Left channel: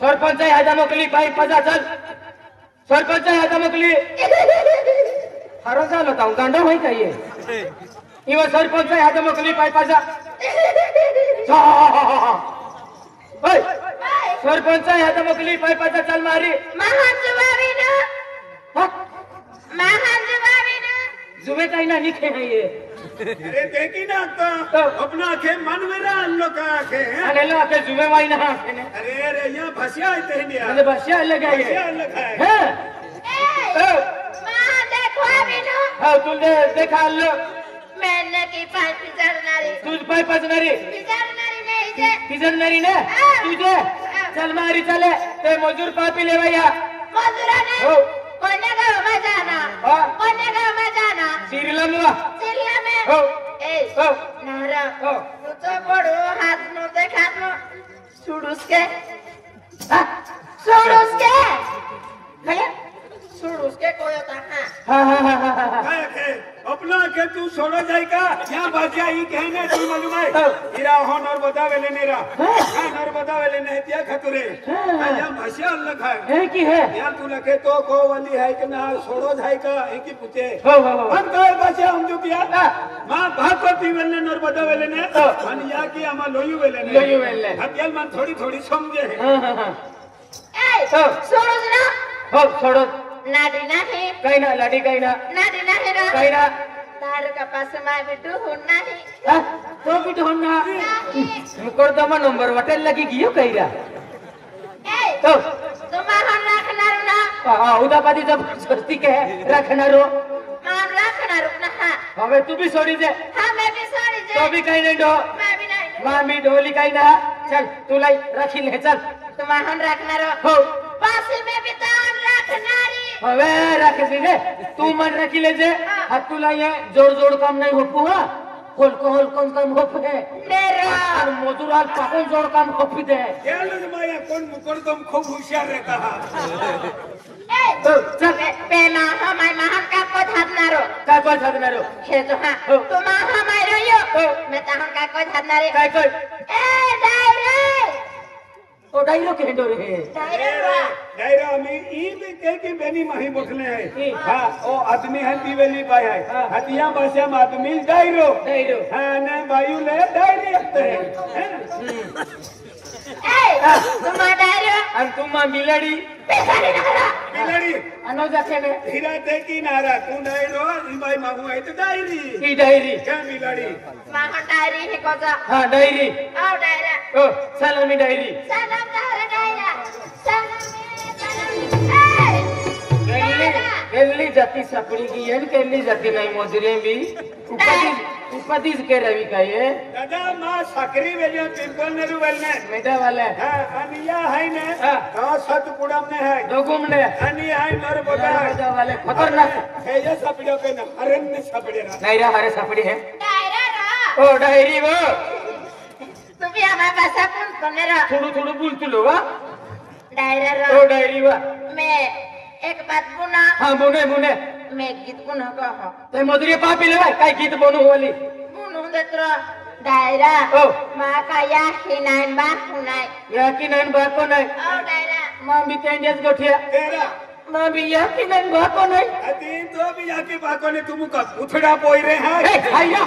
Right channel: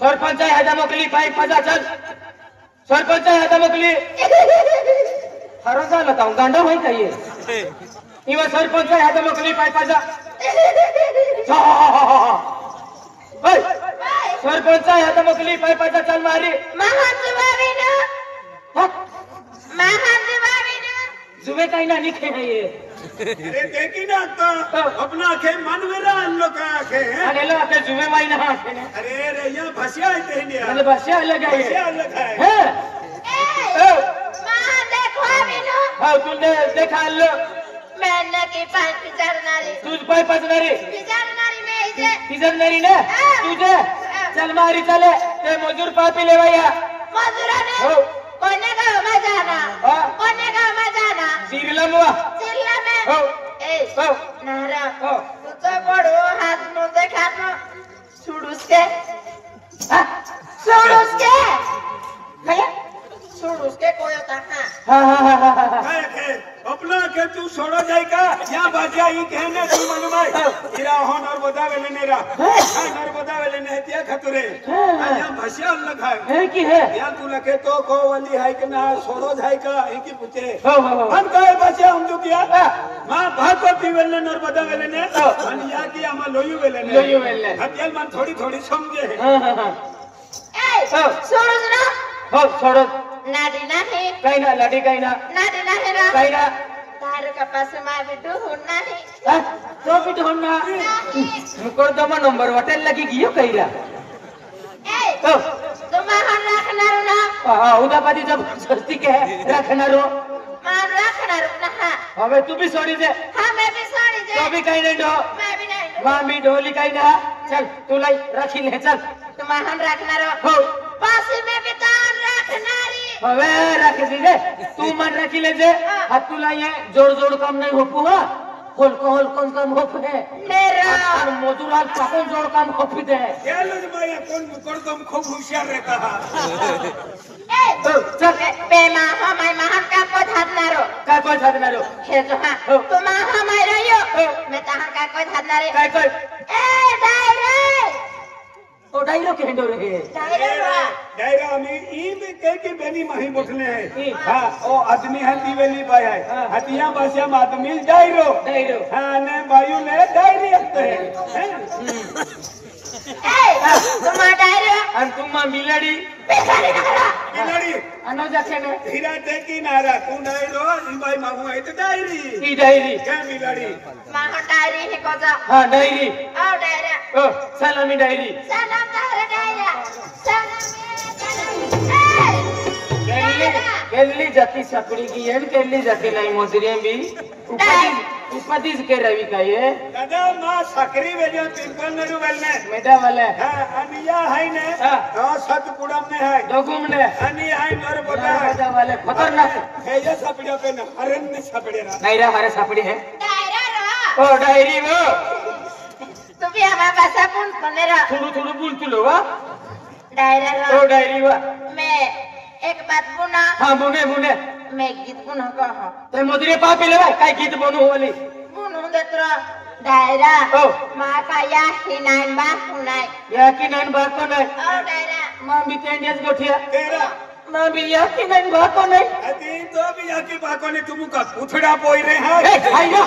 सरपंच हातामकली पाय पजा चल सरपंच हातामकली हर झालं होता गांडा माहित आहे किंवा सरपंच हातामकली पाय पजा सरपंच हातामकली पाय पजा चल मारी जुबे काही ना निखे नाहीये अरे देखी ना तो अपना के मन मेरा अन्नो का के अरे ला के जुबे माई ना अरे रे यहाँ भसिया है तेरे अरे बसिया लगा है भसिया लगा है मां देखो बिनु हां तूने देखा लो मैंने की पांच चरनारी तुझ पाय पजनारी चरनारी में इसे किजनरी ने तुझे चल मारी चले ते मजूर पापी ले भैया मजूरा ने हो कोने गांव में जाना कोने गांव में जाना सिरला मुआ सिरिया में हो ए हो नारा हो तुझा बड़ो हाथ में देखा तो सुडुस के भैया सुडुस के कोयो ताका हां के अपना के तू सोना जाए का यहाँ भसिया ही कहने तू मनुमाई इरा हो नर बतावेले नेरा नर बतावेले ने दिया खतरे यहाँ भसिया लगा है की है यार तू लगे तो को वाली है कि ना सोड़ो जाए का एक ही पूछे हो हम कहे बच्चे हम जो किया मां भगवती वेले नर बतावेले ने आणि या की आमा लोयू वेले हत्याल मन थोड़ी थोड़ी समझे हां ए सुडुस ना हो छोड़ नाडी नाही काही ना लाडी काही ना नाडी नाही ना काही ना तार का पास में बिटू नाही तो भी ढोन ना मुकरदमा नंबर होटल लगी गियो कहिरा ए तो तुम्हाला राखणार ना उदा बादी जब सस्ती के रखनारो मान राखणार ना હવે તું भी छोड़ी दे हां मैं भी सॉरी तो जे भी काही नहीं डो मैं भी नहीं मां भी ढोली काही ना चल तू लाई राखी ले चल तुम्हाला राखणार हो पास में भी तार राखणारी હવે રાખી દે તું મન રાખી લેજે આ તું લાય જોડ કામ નહીં હોપું હા હલકો કામ હોપે मेरा અને મજૂર હાલ ચાકુન જોડ કામ હોપી દે क्या लोग माया कौन मुकरदम खूब होशियार रहता है ए चल पे माहा माय महान का को धारणारो काय कोण साधनारो हे जो हा तुम्हाला माय रयो मैं तहा का को धारणारे काय कोण ए डायरे ओ डायरो केंडो रे डायरा में ई में कह के बेनी माही मुठले है हां ओ आदमी है दीवेली बाय है हतिया बसे में आदमी डायरो हां ने बायू ले डायरी हते हैं ए तुम्हारा डायरे आणि तू मा बिलाडी बिलाड़ी अनो जाके ने हीरा ते की नारा तू डायरो ई बाई मांगू है तो डायरी ई डायरी के बिलाड़ी माहा डायरी हे को जा हां डायरी आओ डायरा ओ सलामी डायरी सलाम दारे डायरा सलाम केली जाती सकड़ी की है केली जाती नहीं मोजरे भी उपदीस के रवि का ये दादा मां सकरी वेने पिंपल नेरु वेने मेटा वाले हां अनिया है ने हां तो सतपुरम में है दोगुम ने अनिया है नरबदा मेटा वाले खतरनाक है ये सपड़ा पे न अरण्य सपड़े रा डायरा हरे सापड़ी है डायरा रा ओ डायरी वो तुम्ही आम्हा भाषा कोण तुनेरा थोडं बोलतो वा डायरा ओ रा डायरी वा मैं एक बात पुना हां मुने मैं गीत पुना कहा ते मोजरे पापी ले काय गीत बनू वाली पुनु देत्र डायरा ओ मा काया हिनाय मा पुनाय या की नाही बाको नाही आओ डायरा मां भी तेंडियस गोठिया तेरा मां भी या की नाही बाको नाही अति तो भी जाके बाको ने तुम का उठड़ा पोई रे ए है खाईगा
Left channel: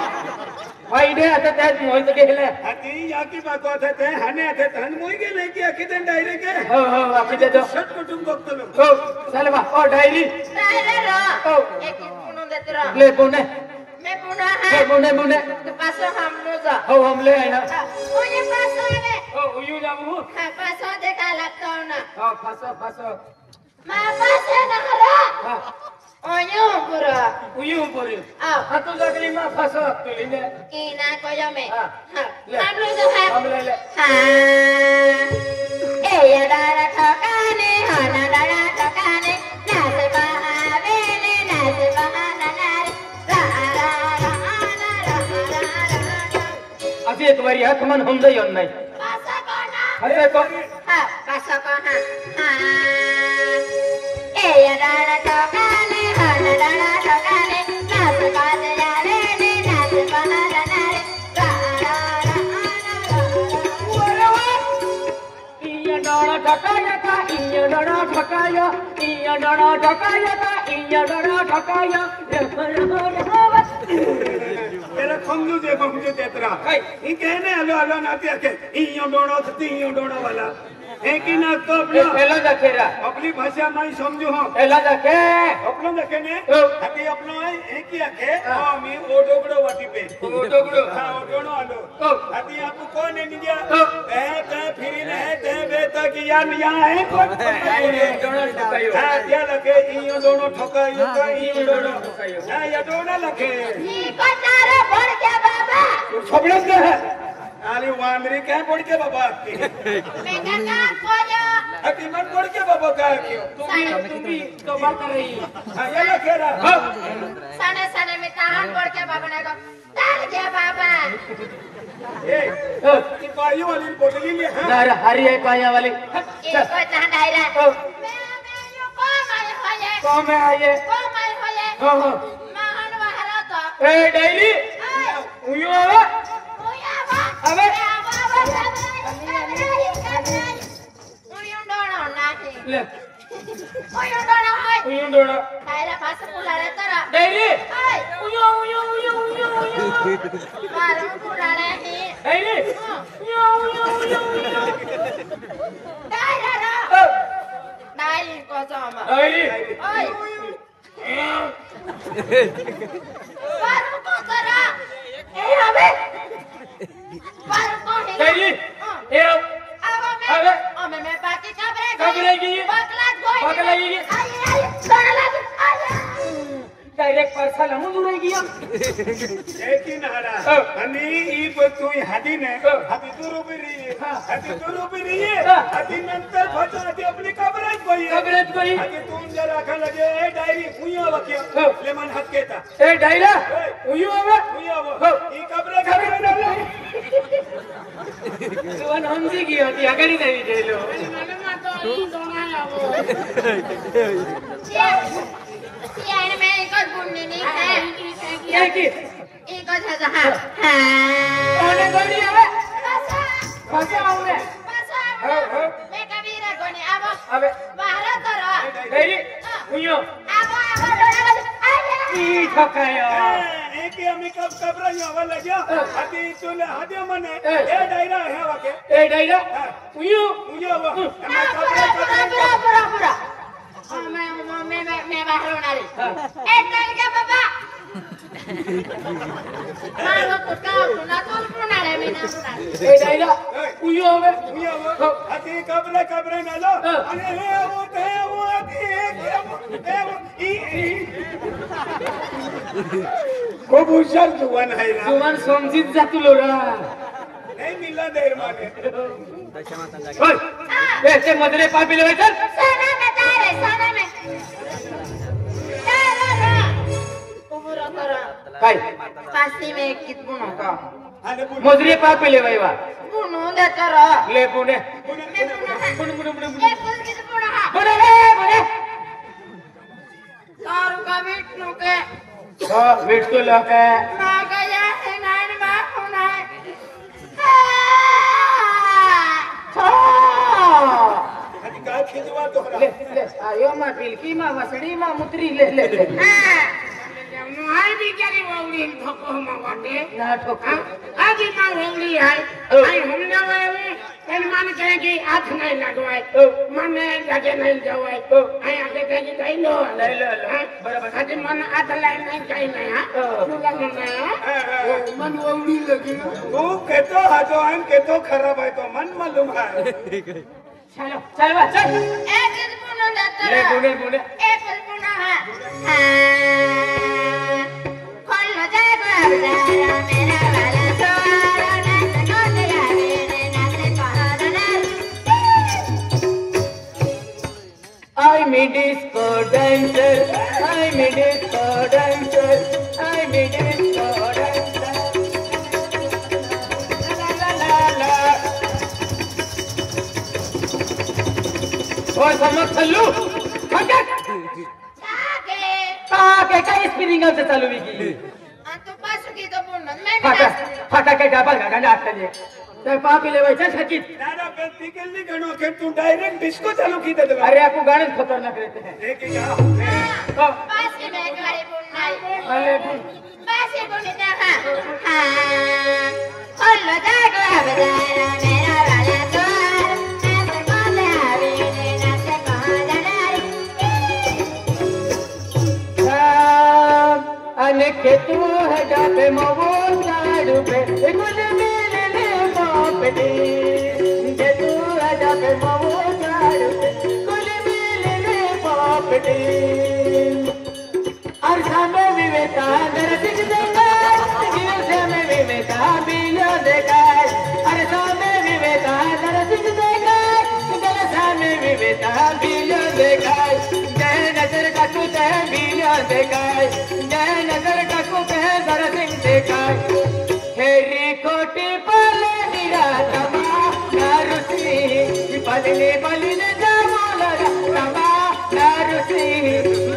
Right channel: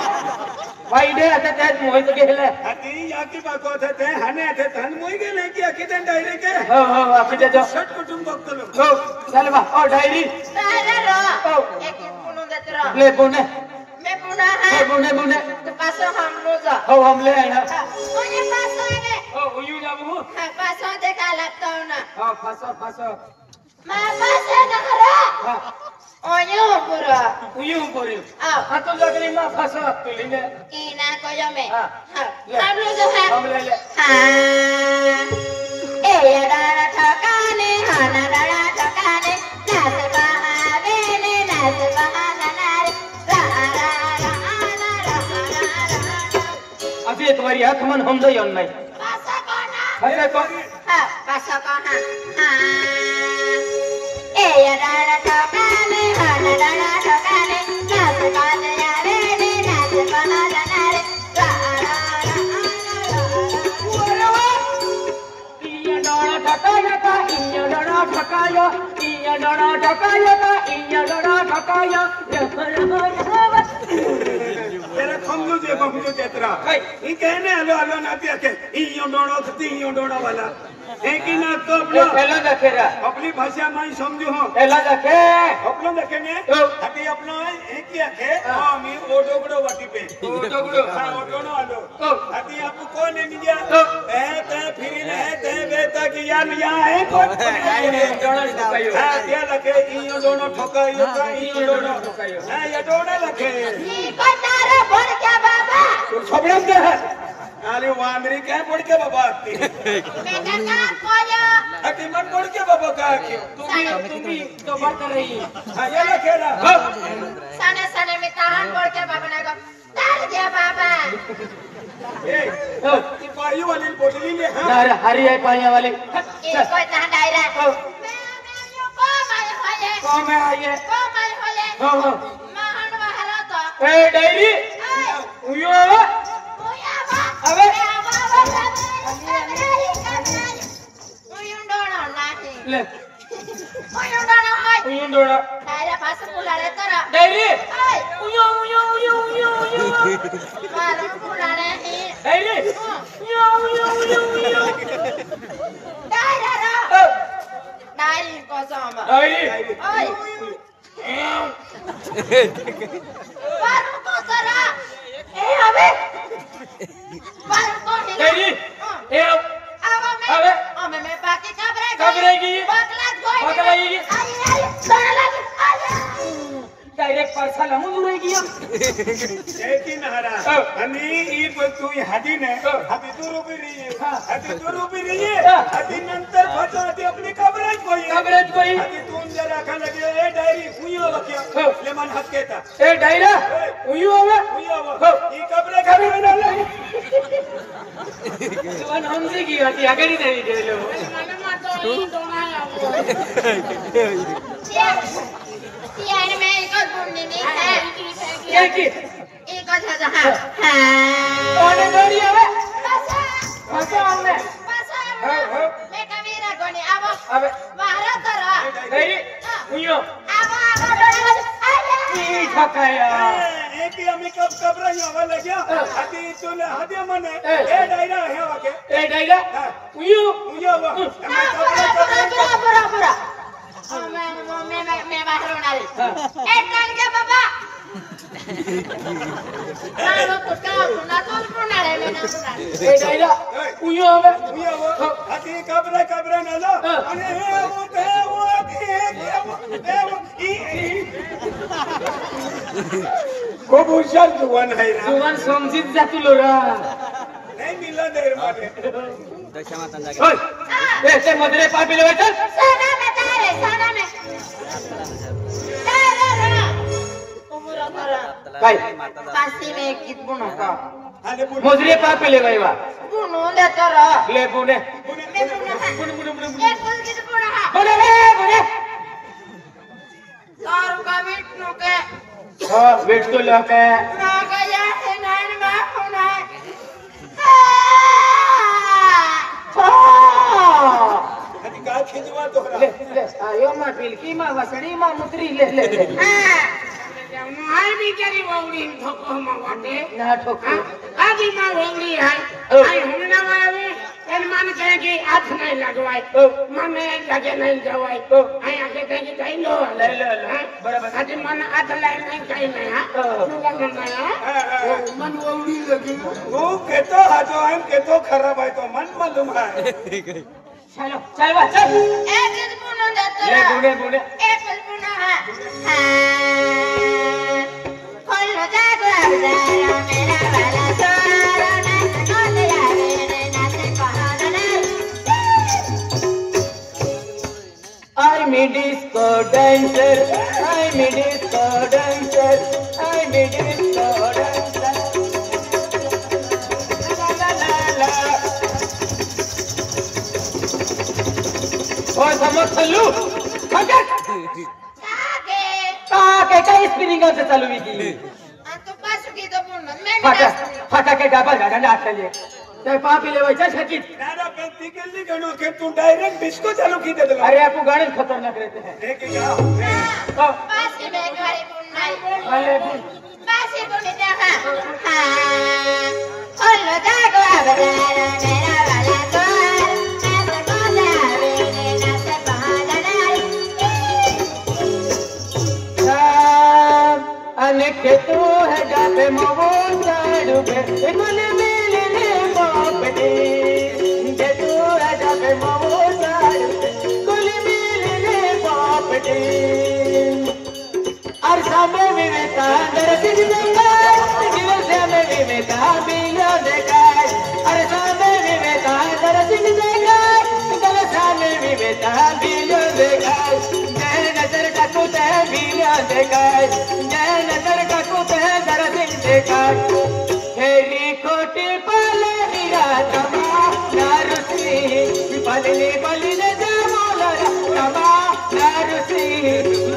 वाईडे आता ते मोहित गेले अति जाके बाको थे हने थे तन मोई के नहीं कि आखी दिन डायरे के हो हो आखी दे दो सट कुटुंब बक्तलो हो चल बा ओ डायरी डायरा रा ओ एक पुनु देत्र ले बोने मैं पुना ले है बोने तो पासो हम लो जा हो हम ले आया ओने पासो है ओ उयू जाबू हां पासो देखा लगता हो ना हां फसो मा पासे ना रा हां ओयो पुरा उयू बोलियो आओ हां तो लगली मा फसो तुली ने की ना को जो में हां हां हम लो जो है हम ले हां ए यारा ठकाने हाना डाड़ा ठकाने नाच बहावेले नाच बहाना नारे एक बारी हाथ मन हम दे नहीं पासा कोना अरे को हां पासा कोना हां ए राणा ठोकाले हाना राणा ठोकाले नाच बाज यारे रे नाच बना रे इया डोड़ा ठकाया का इया डोड़ा ठकाया इया डोड़ा ठकाया का इया डोड़ा ठकाया तेरा खमजू तेरा ई कहने हलो हलो नाते के इयो डोड़ो तीयो डोड़ा वाला एक ही ना तो पहला दखेरा अपनी भाषा में समझो हो पहला दखे अपनो देखे ने तो अभी अपनो एक ही आके मामी ओडोगड़ो वाटी पे ओडोगड़ो हां ओडोनो आलो अभी आपको कौन है निया ए ते फिर ने ते बेटा की यार यहां है कौन डोड़ा ठकायो हां त्या लगे इयो डोड़ो ठकायो का इयो डोड़ो ठकायो हां ये डोड़ा लगे पतारा पड़ क्या बाबा सबले के है अरे वांदरी कह पड़ के बाबा आती बेटा का कोया अति मन पड़ के बाबा का तुम्ही तो बात कर रही हां ये लखेरा साने साने में ताहन पड़ के बाबा ना को तार क्या बाबा ए ये पायु वाली बोतली ले हां अरे हरी है काया वाली ये कोई ताहन डायरा को में आइए को माय होले हां हां महान वहरा तो ए डायरी उयो आवे ओया बा अबे उयुंडोणो नाही ले उयुंडोणो हाय उयुंडोणो डायरा भाषा बोलाले तरा डायरी हाय उयो उयो उयो उयो मारो बोलाले ही डायरी उयो उयो उयो डायरा रो डायरी को जामा डायरी ओय मारो को तरा ए अबे मारो को ही डायरी ए अबे मैं बाकी घबराएगी बकलाएगी डायरेक्ट पार्सल हम जुरेगी हम लेकिन हरा अनि ई तू हदी ने हदी तू रूबी रही है हदी नंतर फसाती अपनी कबरत कोई हदी तू जरा खा लगे ए डायरी उयो वकिया ले मन हद केता ए डायरा उयो आवे ई कबरे करे ना ले तो हमसे की आती आगरी नहीं दे लो यार मैं एक और बुनने नहीं है क्या की एक और था हाँ कौन गोरी आवे फसा हमने मैं कबीरा कोने अबे बाहर तोरा डायरी उयो ई ठकाया एक ही हमें कब कबरा आवे लगे हदी तूने हदी मने ए डायरा है वके ए डायरा उयो उयो मैं कबरा पूरा मैं बाहर होना रे ए टाइम क्या बाबा मारो कुछ का ना तो होना रे मैं ना होना ए डायरा उयो आवे हदी कबरा ना लो अरे वो खूब होशियार जुवान है ना जुवान समझित जातुलो रा नहीं मिला देर माने ओय ए ते मदरे पापी ले चल साना में तारे उबरा तोरा भाई फांसी में कित बुनो का अरे मदरे पापी ले भाईवा बुनो दे तोरा ले बुने मैं बुनो एक कुछ कित बुनो हा बुने तारू का मीट नो के हां वेट तो लके ना गया है नान मा होना हदी का खिजवा तो ले आयो मा पिलकी मा वसड़ी मा मुतरी ले हाय बिचारी वौली ठोको मवाटे ना ठोको आजी मां वौली है आई हमने वाली एन मान कहे कि हाथ नहीं लगवाए मन लगे नहीं जवाए आई आके कहे कि कहीं लो ले बराबर आज मन हाथ ले नहीं कहीं नहीं हां मन वौली लगे वो केतो हाथो हम केतो खराब है तो मन मालूम है चलो चल चल एक कित बुनो दे तोरा ले बुने एक कुछ बुनो हा खोलो जागो अवतारा मेरा वाला सारा नाच कोले आवे रे नाच बहाना I'm a disco dancer, I'm a disco dancer, I'm a disco dancer. चालू की तो पास की तो पूर्ण मैं फटाके डाबा गाडा आटले तर पापी लेवायच्या शकीत नारा पे तिकल्ली गणो के तू डायरेक्ट डिस्को चालू की दे दे अरे आपको गाने खतरनाक रहते हैं एक या पास की नहीं गाड़ी पूर्ण अरे पास ही पूर्ण ना हां और लो जागो बजारा मेरा वाला द्वार मैं तो बोले आवे ना से बहादुर अनेक तू है जाते मोबो चाडू पे इमले मिले बापडे के तू है जाते मोबो चाडू पे कोले मिले बापडे अरसा में विवेकानंद सिंह देखा गिरसे में विवेकानंद बिना देखा अरसा में विवेकानंद सिंह देखा गिरसा में विवेकानंद बिना देखा जय नजर का कुछ है बिना देखा जय नजर का कुछ है जरा सिंह देखा हेरी कोटी पाले दिरा तमा नारुसी पलने पलने जामोला तमा नारुसी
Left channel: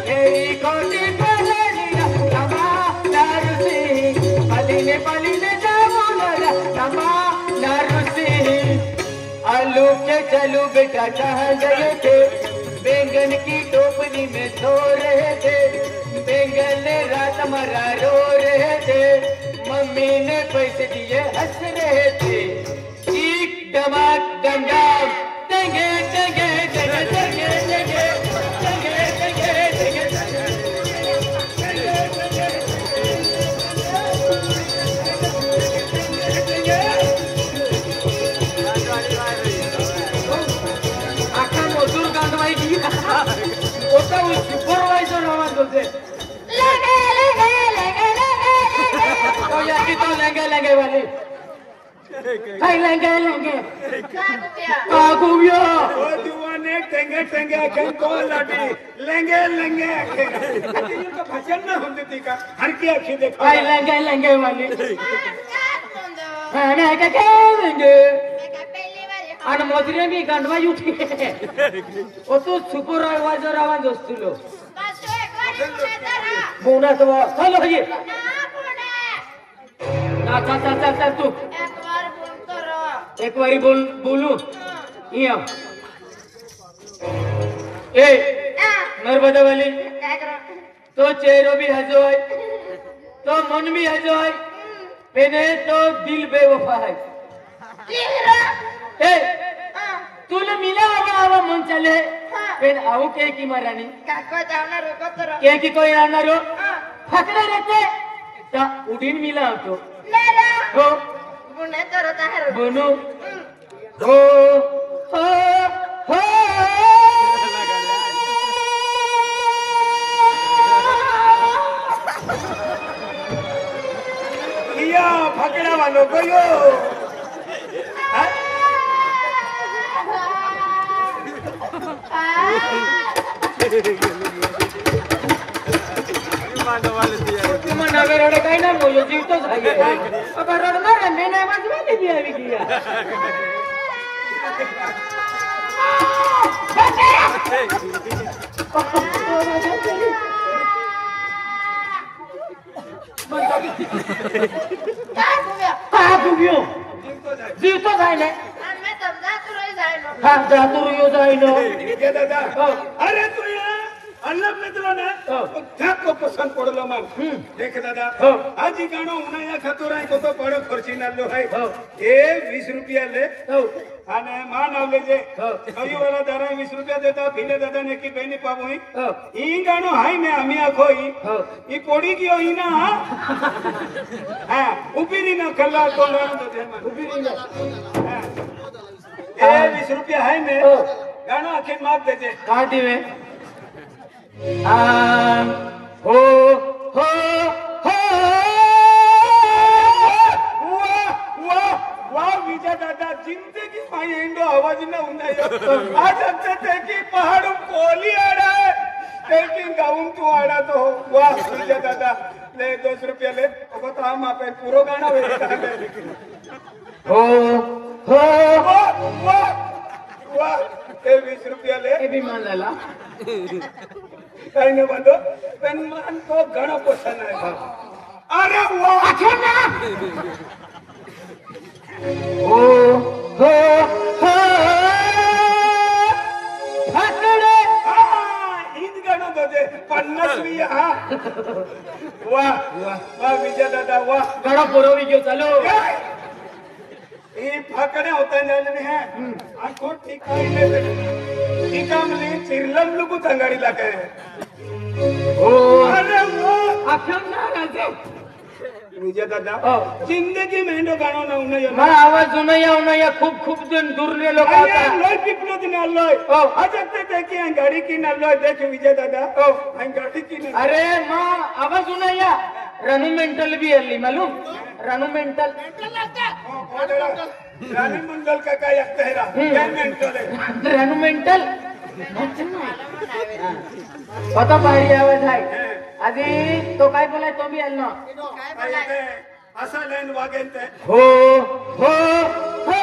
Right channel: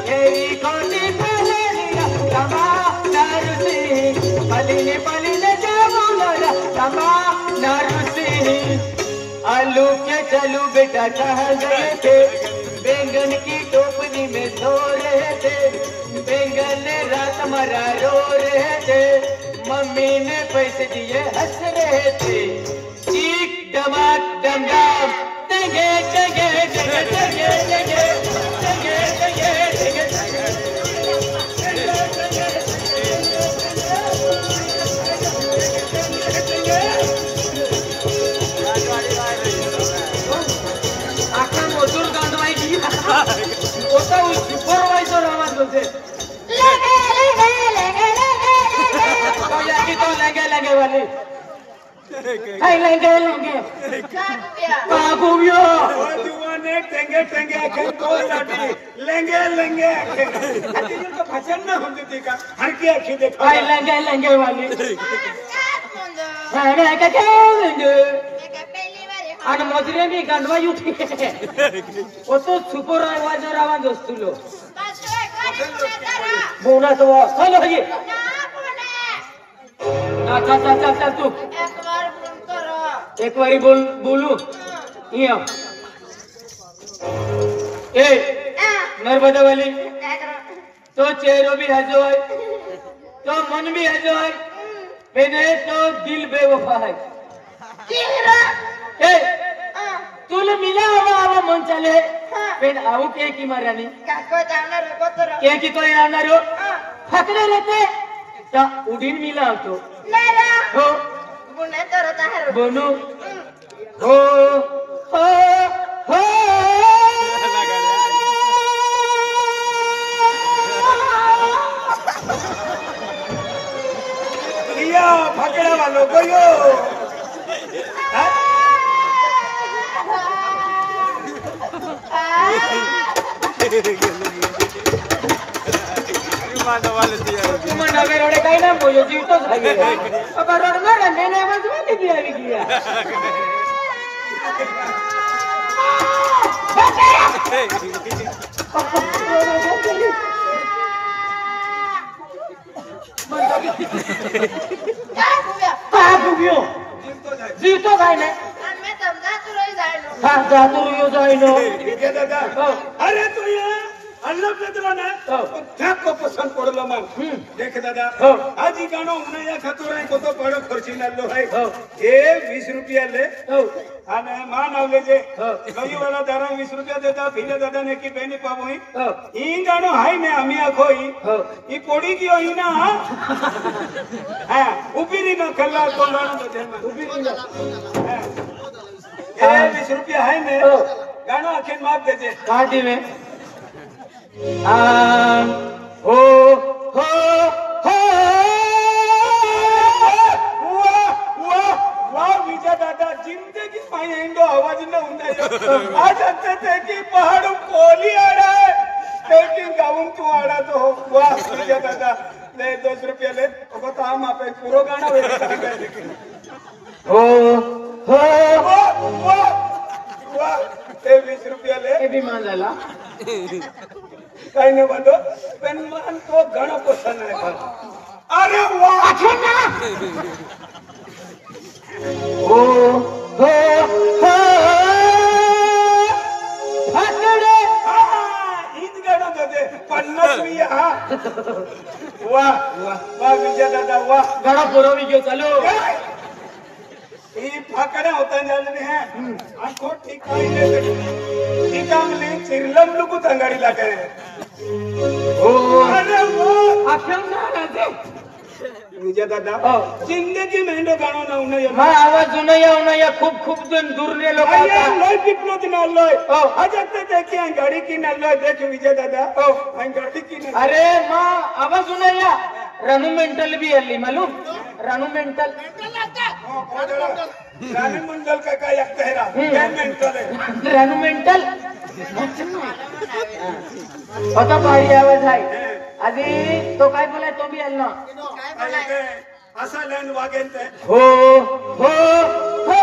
हेरी कोटी पाले दिरा तमा नारुसी पलने पलने जामोला तमा नारुसी आलू के चलू बेटा कहाँ गए थे बैंगन की टोपनी में सो रहे थे बैंगन ने रात मरा रो रहे थे मम्मी ने पैसे दिए हंस रहे थे चीख डमक डम डम देंगे देंगे देंगे देंगे देंगे देंगे देंगे आखा मजूर गाणं की होता सुपरवायझर आवाज बोलते तो याची तो लगे लगे वाले हाय लगे लगे कागुयो ओ दीवाने टेंगे टेंगे को लाटी लेंगे लेंगे अति को भजन ना होती का हर की आंखें देखो हाय लगे लगे वाले हाय लगे लगे आणि मोजरे मी गंधवा युती ओ तो सुपरवायझर आवाज असतो लो बोना तो चलो ये ना चा तू एक बारी बोलू या ए नर्मदा वाली तो चेहरो भी हजो है तो मन भी हजो है मैंने तो दिल बेवफा है ए तूने मिला आवा मन चले फिर आओ के की मरानी के की कोई रावणार हो फकड़े रहते ता उडीन मिला तो हो दोनों हो हो किया फकड़ा वालों को यो तुम्हाला नवे काय ना बोल जीवतोच आहे आता रडणार आहे नाही वाजवायला ती आली की जीवतोच आहे ना हाँ जातो यो जाइनो क्या दादा अरे तू ये अल्लाह पेदला ना थक को पसंद पड़लो मन देख दादा आज ही गाणो उन्नया खतोराई को तो बड़ो खर्ची नल्लो है ये 20 रुपया ले आने मान आवले जे कई वाला दारा 20 रुपया देता फिले दादा ने की बेनी पाबोई ई गाणो हाई ने अमिया खोई ई पोड़ी की होई ना हां उबीरी ना कल्ला तो गाणो दे उबीरी ना ये 20 रुपया है ने गाणो आखिर माफ दे जे काटी में हो हो हो वाह विजय दादा जिंदगी में इंडो आवाज न हुंदा आज अंते की पहाड़ कोली आड़ा है तेकी गाउन तू आड़ा तो वाह विजय दादा ले 10 रुपया ले बता हम आपे पूरा गाना हो हो वाह वाह 20 रुपया ले ये भी मान झाला काही नाही बोलतो पण मन तो घणो पसंद आहे. अरे वाह हो हो हो फाकडे हीच गाणं होते 50 हा वाह वाह वाह विजय दादा वाह घणो पुरवी गयो चलो ये फाकड़ा होता जाने है आंखों ठिकाई ले ठिकामली चिरलम लुकु तंगाड़ी लागे हो अरे वो आख्या ना राजे विजय दादा जिंदगी में नो गाणो ना उन्हें मा आवाज उनया उनया खूप खूप दूर ने लोक अरे लोय पिपलो दिन लोय आज तक देखिए गाड़ी की न लोय देख विजय दादा मैं गाड़ी की न अरे मा आवाज उनया रानू मेंटल भी अल्ली मालूम रानू मेंटल रानी मंडल का काय कहरा ये मेंटल है रानू मेंटल आता भारी आवाज आहे आधी तो काय बोलाय तो भी आला असा लाइन वागेन ते हो हो हो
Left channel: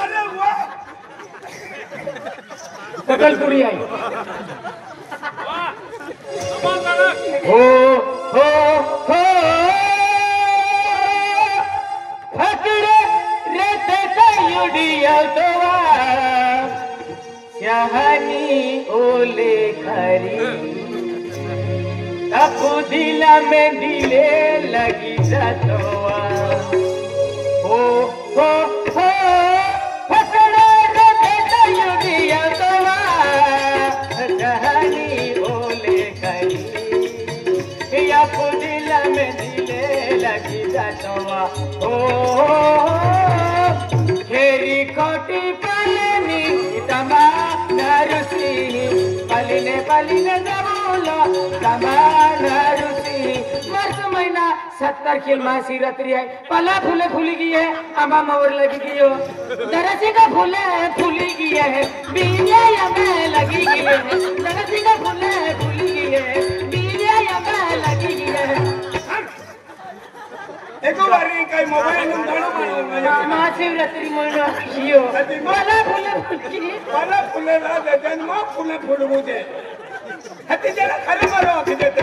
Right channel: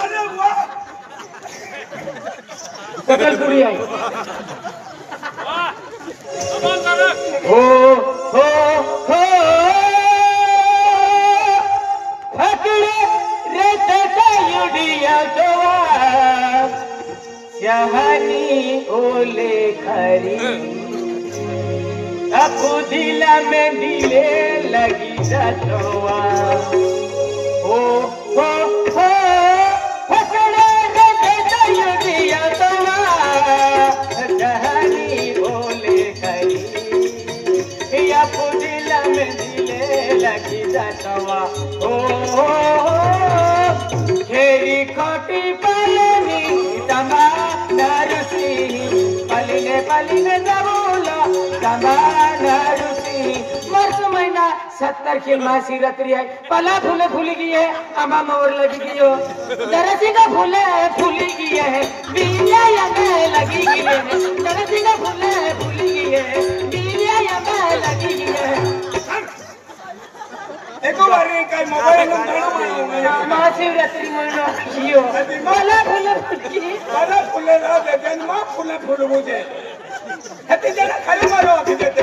अरे वाह पकलपुरी आहे हो हो हो फाकडे रे त्याचा युडिया तवा शहानी ओले खरी अपू दिला में दिले लगी जातवा हो हो हो फाकडे रे त्याचा युडिया तवा शहानी ओले खरी अपू दिला में दिले लगी जातवा खेरी कोटी पलनी तमा नरुसी पलिने पलिने दबोलो तमा नरुसी वर्ष महीना 70 की महाशिवरात्रि है पला फूले फूली गई है तमा मोर लगी गई हो दरसी का फूले फूली गई है बीलिया यमे लगी गई है दरसी का फूले फूली गई है बीलिया यमे लगी गई है एको बारी काय मोबाईल नंबर महाशिवरात्रि महिना यो मला फुले ना दे जन्म फुले फुल मुझे हती जरा खाली मारो होती देते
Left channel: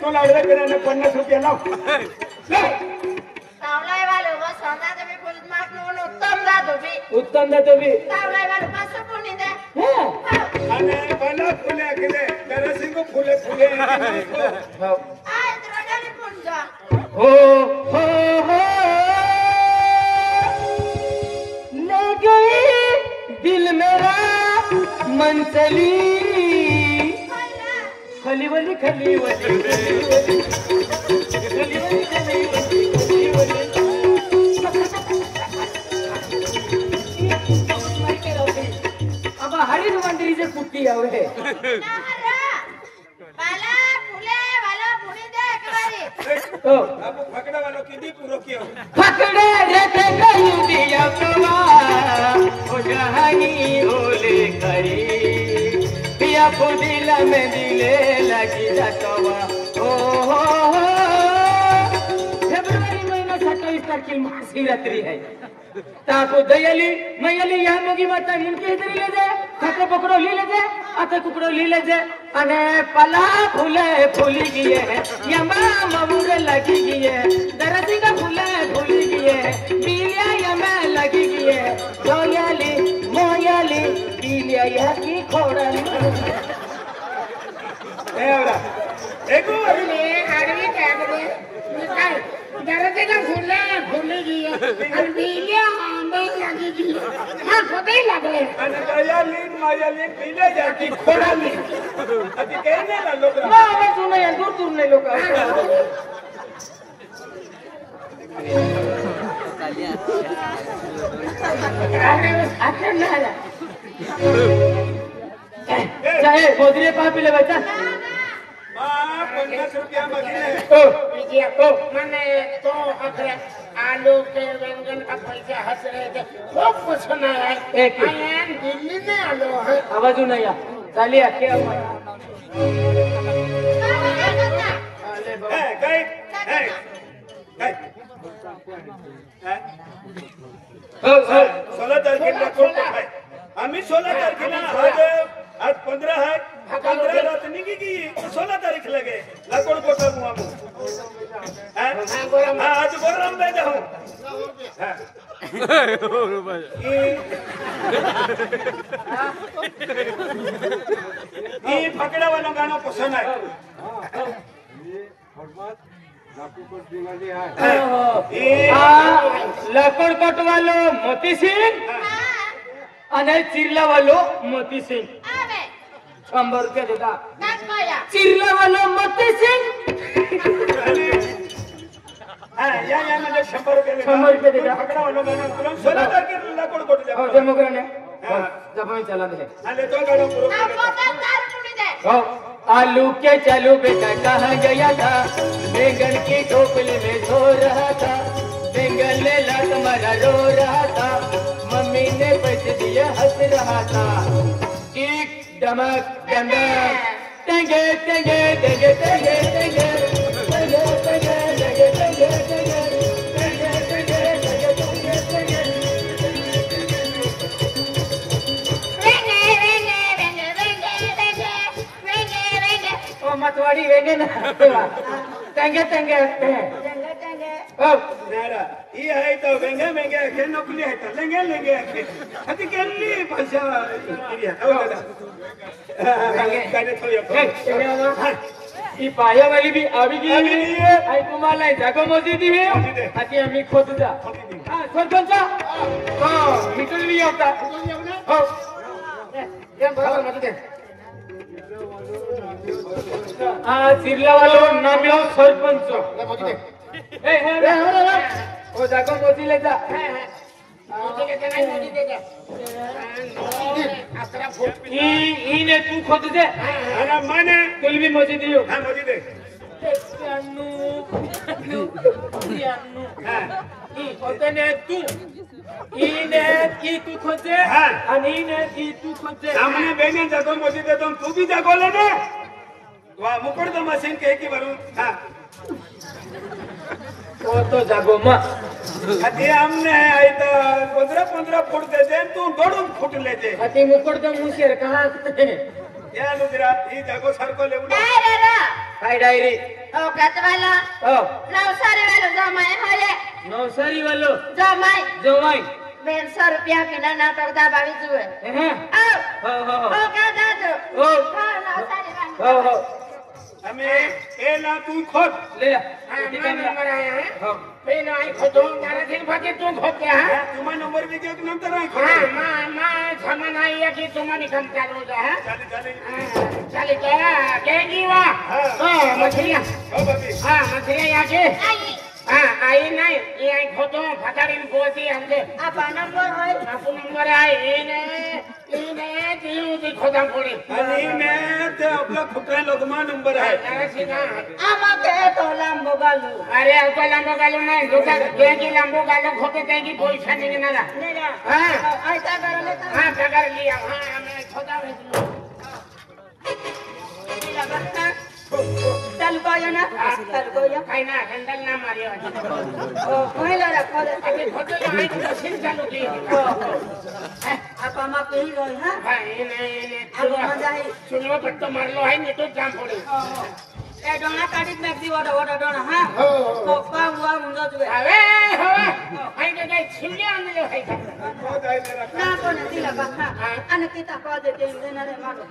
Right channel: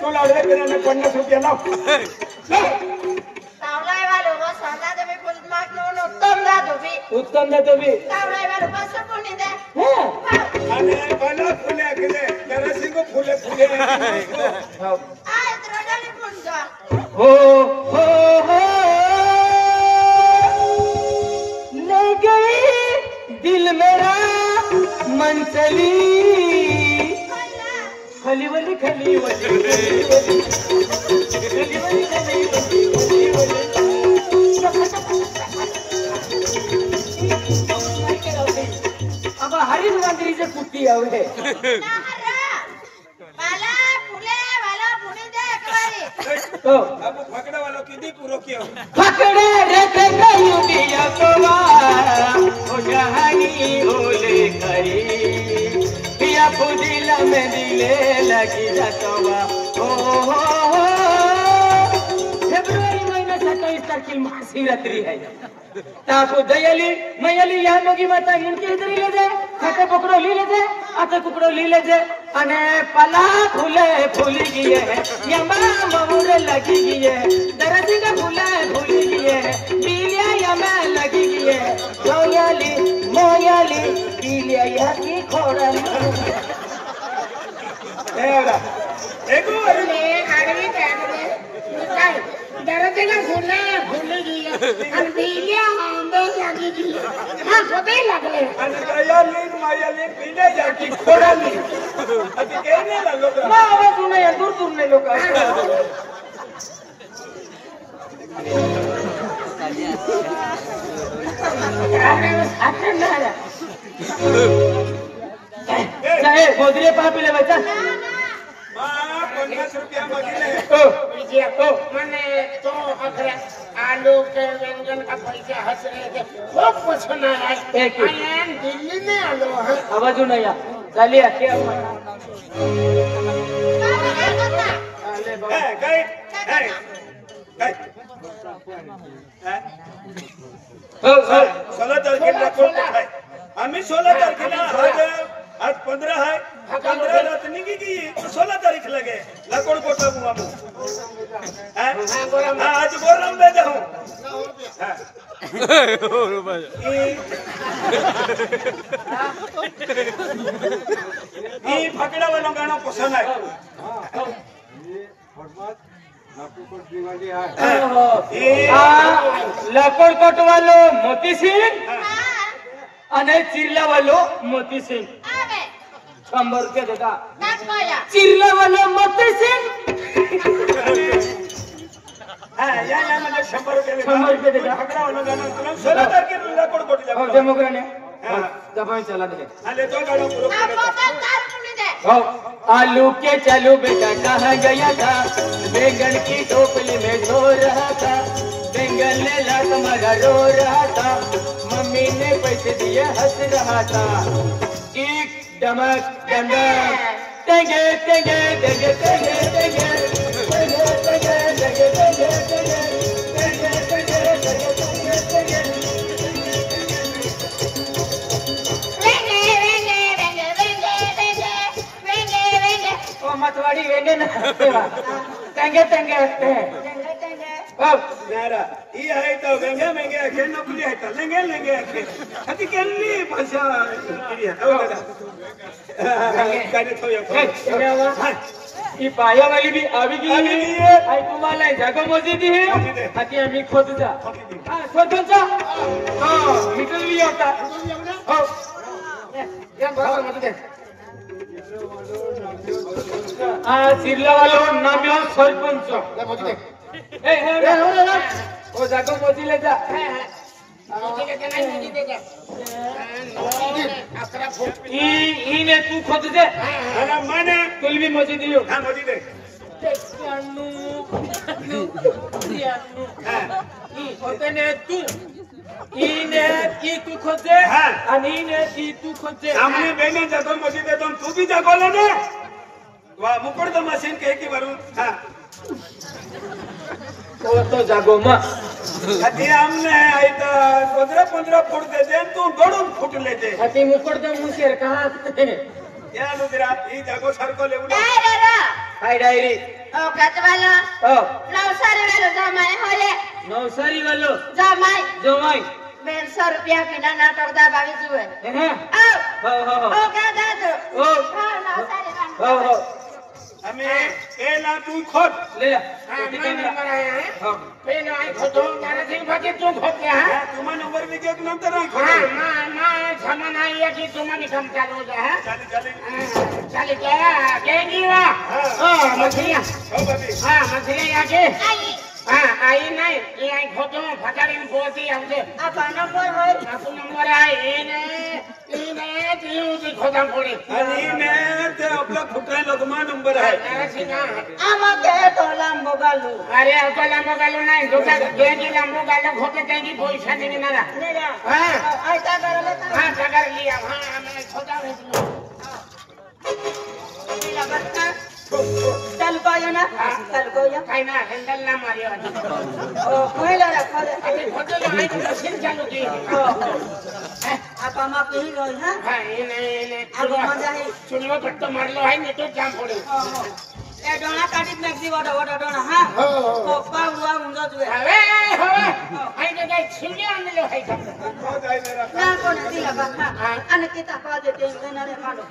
तू लाडवे पेराने 50 रुपया लाव सावलाई वालो मा सांगा तुम्ही फुल माग घेऊन उत्तम देतो भी सावलाई वालो पास कोणी दे आणि मला फुले केले जरा सिंगो फुले फुले आय रोडाने कोण जा हो हो हो ले गई दिल मेरा मन चली खलीवली खलीवली खलीवली खलीवली खलीवली अब हरी मंदिर से कुट्टी आवे वाला फुले दे एकबारी तो अब फकड़ा वाला किदी पूरो कियो फकड़े रखे गई दिया तोवा ओ जहानी ओले करी पिया को दिल में दिले लगी रखवा ओ फेब्रुवारी महीना 27 तारखेला महाशिवरात्रि है ताको दयाली मयाली या मगी माता मुंडकी इधर ले जाए खाते पकड़ो ले जाए आते पकड़ो ले जाए अने पला फूले फूली गई है यमा ममुरे लगी गई है दरसी का फूले फूली गई है पीलिया यमा लगी गई है जोयाली मोयाली पीलिया या की खोड़ाली एवढा एको बारी अरे आडवी काय काय दरवाजेला फुले गई आणि बिलिया आंबे लागी गई हा खोटे लागले आणि मायाली पीले जाकी खोडाली अति काही नाही ना लोक आवाज नाही दूर नाही लोक गोदरे पापिले बच्चा 50 रुपया मागिले विजय मैंने तो अपने आलू के व्यंजन का पैसा हंस रहे थे बहुत पसंद आया एक दिल्ली में आलू है आवाज नाही झाली आखी काय काय 16 तारखेला कोण आहे आम्ही 16 तारखेला आज 15 है 15 रात निकी की 16 तारीख लगे लाकोड़ कोटा मुआ हां आज गोरम में जाऊं ये पकड़ा वाला गाना पसंद है लाकड़कोट वालो मोती सिंह અને ચીરલા વાલો મોતી સિંહ 100 રૂપિયા દેતા ચીરલા વાલો મોતી સિંહ हां या मैंने 100 रुपए देगा पकड़ा वाला गाना 16 तारीख के लाकोड़ जा जे मोगरने दबाई चला दे ले तो गाना पूरा आलू के चलो बेटा कहाँ गया था बैंगन की टोपली में सो रहा था बैंगन ने लात मारा रो रहा था मम्मी ने पैसे दिए हंस रहा था एक डमक डमक टेंगे टेंगे टेंगे टेंगे टेंगे मतवाड़ी वेंगे ना टेंगे टेंगे नारा ये है तो वेंगे वेंगे के नौकरी है तो लेंगे लेंगे अति केली भाषा ये कहने तो ये ये पाया वाली भी आवी की आई तुम्हाला जागा मस्जिद है आती आम्ही खोदूदा हां सरपंचा तो मिटल भी होता हो ये बरोबर मत दे चिरला वालो नाम्यो सरपंच ए ओ जागा मोजी ले जा ने तू खोद दे अरे माने तुल भी मोजी दियो हां मोजी दे होते तू इने की तू खोद दे आणि इने की तू खोद दे सामने बेने जागो मोजी दे तो तू भी जागो ले ने वाह मुकुड़ तो मशीन के की भरू हां तो जागो मा अति हमने आई तो 15 फुट दे दे तू 2 फुट ले दे अति मुकुड़ तो मुशेर कहां या लुदरा ई जागो सरको ले उड़ा हाय डायरी ओ कतवाला ओ नवसारी वालो जमाई होले नवसारी वालो जमाई 150 रुपया बिना नाटक दा बावी जुए हैं ओ का दादो ओ नवसारी हो हमें एला तू खोद ले हां नंबर आया है पेना आई खोदो नारे दिन भागे तू खोद के हां तुम्हा नंबर भी के नंतर नाही हां खोद मां सामान आई है कि तुम्हारी काम चालू जा है चली चले क्या केगी वा हां मछलियां ओ बाबी हां मछलियां आके हां आई नहीं ये आई खोदो फटारिन बोती हमसे आपा नंबर होय आपको नंबर आई इने दियो दी खोदा पड़े आणि में ते आपला खुटे लगमा नंबर है अरे सीधा आमा के तो लंबो गालू अरे तो लंबो गालू नहीं दोता केगी लंबो गालू खोते तेगी पैसा नहीं मेरा हां ऐसा कर ले हां कर लिया हां मैं खोदा हूं चल कोयो ना चल कोयो काय ना हैंडल ना मारियो ओ पहिला रे खोदे अभी खोदो ना आई मशीन चालू की आपा मा पही गई हां हां इने आगो मजा है सुनो पट्टो मारलो है नहीं तो जाम पड़ी ए डोना काटित मैक दी वडा डोना हां हो तो पागुआ हुंदो तुवे अरे हवा आई ने जाई छिले आणलो है खोद आई मेरा ना कोना दिला बा हां अन किता को देते ना रे मारो